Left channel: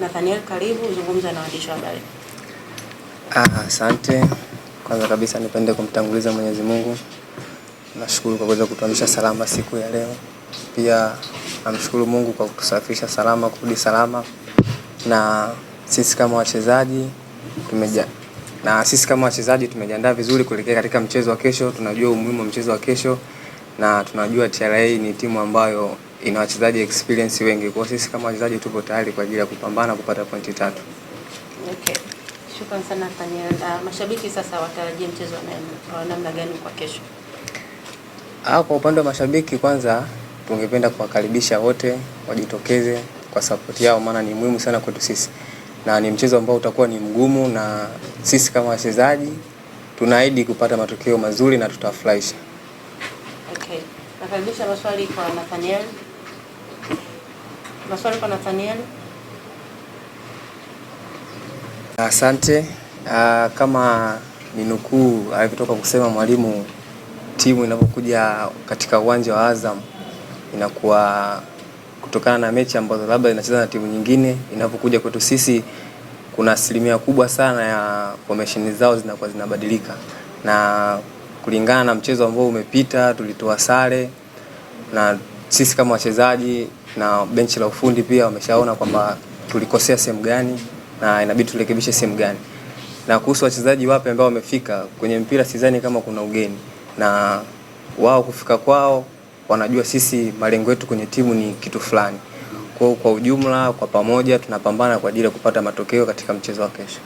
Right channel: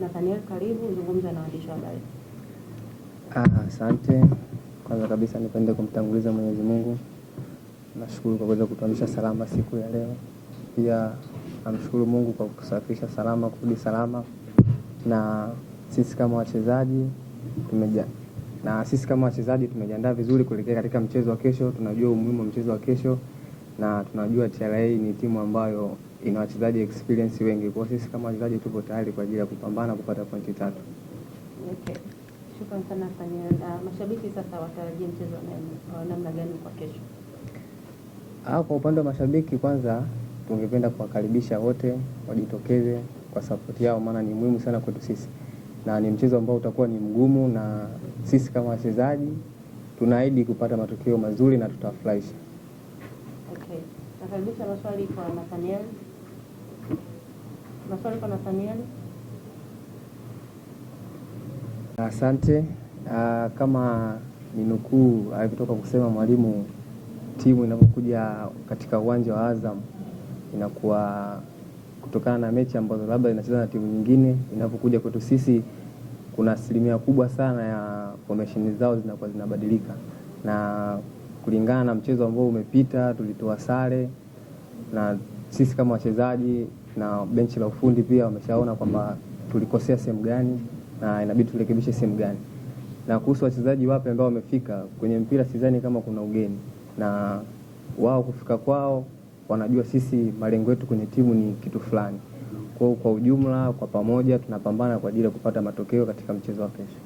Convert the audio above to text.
Nathaniel, karibu zungumza na waandishi wa habari. Asante. Kwanza kabisa nipende kumtanguliza Mwenyezi Mungu. Nashukuru kwa kuweza kutuamsha salama siku ya leo. Pia namshukuru Mungu kwa kutusafirisha salama, kurudi salama. Na sisi kama wachezaji tumejiandaa vizuri kuelekea katika mchezo wa kesho. Tunajua umuhimu wa mchezo wa kesho na tunajua TRA ni timu ambayo ina wachezaji experience wengi. Kwa sisi kama wachezaji tupo tayari kwa ajili ya kupambana kupata pointi 3. Okay. Shukrani sana Nathaniel. Mashabiki sasa watarajie mchezo wa namna gani kwa kesho? Kwa upande wa mashabiki, kwanza tungependa kuwakaribisha wote wajitokeze kwa support yao, maana ni muhimu sana kwetu sisi. Na ni mchezo ambao utakuwa ni mgumu, na sisi kama wachezaji tunaahidi kupata matokeo mazuri na tutafurahisha. Okay. Nakaribisha maswali kwa Nathaniel. Maswali kwa Nathaniel. Asante. Kama ninukuu alivyotoka kusema mwalimu, timu inapokuja katika uwanja wa Azam inakuwa kutokana na mechi ambazo labda inacheza na timu nyingine, inapokuja kwetu sisi kuna asilimia kubwa sana ya formation zao zinakuwa zinabadilika. Na kulingana na mchezo ambao umepita tulitoa sare, na sisi kama wachezaji na benchi la ufundi pia wameshaona kwamba tulikosea sehemu gani na inabidi turekebishe sehemu gani. Na kuhusu wachezaji wapi ambao wamefika kwenye mpira, sidhani kama kuna ugeni, na wao kufika kwao wanajua sisi malengo yetu kwenye timu ni kitu fulani. Kwa ujumla, kwa pamoja tunapambana kwa ajili ya kupata matokeo katika mchezo wa kesho.